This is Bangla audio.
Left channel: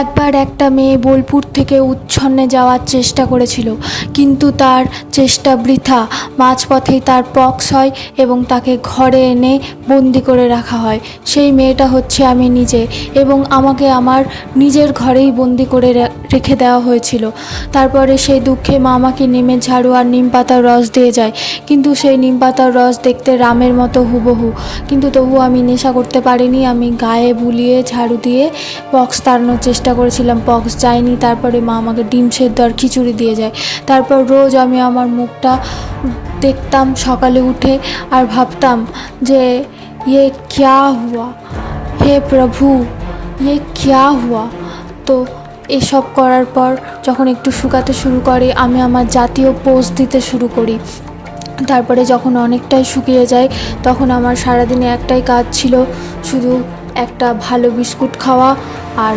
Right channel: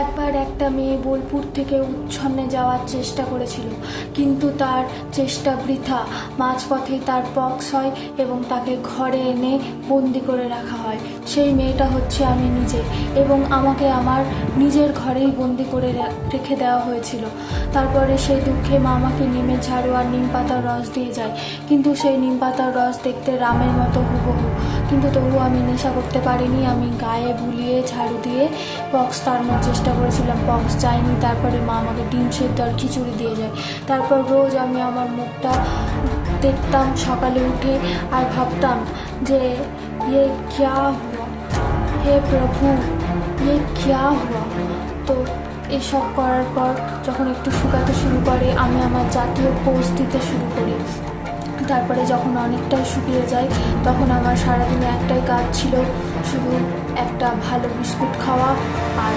একবার একটা মেয়ে বোলপুর থেকে উচ্ছন্নে যাওয়ার চেষ্টা করেছিল, কিন্তু তার চেষ্টা বৃথা। মাঝপথেই তার পক্স হয় এবং তাকে ঘরে এনে বন্দি করে রাখা হয়। সেই মেয়েটা হচ্ছে আমি নিজে, এবং আমাকে আমার নিজের ঘরেই বন্দি করে রেখে দেওয়া হয়েছিল। তারপরে সেই দুঃখে মা আমাকে নিমের ঝাড়ু আর নিম পাতার রস দিয়ে যায়, কিন্তু সেই নিম পাতার রস দেখতে রামের মতো হুবহু। কিন্তু তবু আমি নেশা করতে পারিনি। আমি গায়ে বুলিয়ে ঝাড়ু দিয়ে পক্স তাড়ানোর চেষ্টা করেছিলাম, পক্স যায়নি। তারপরে মা আমাকে ডিম সেদ্ধ আর খিচুড়ি দিয়ে যায়। তারপর রোজ আমি আমার মুখটা দেখতাম সকালে উঠে আর ভাবতাম যে ये क्या हुआ, হে প্রভু, ये क्या हुआ। তো এসব করার পর যখন একটু শুকাতে শুরু করে, আমি আমার জাতীয় পোজ দিতে শুরু করি। তারপরে যখন অনেকটাই শুকিয়ে যায়, তখন আমার সারাদিনে একটাই কাজ ছিল, শুধু একটা ভালো বিস্কুট খাওয়া আর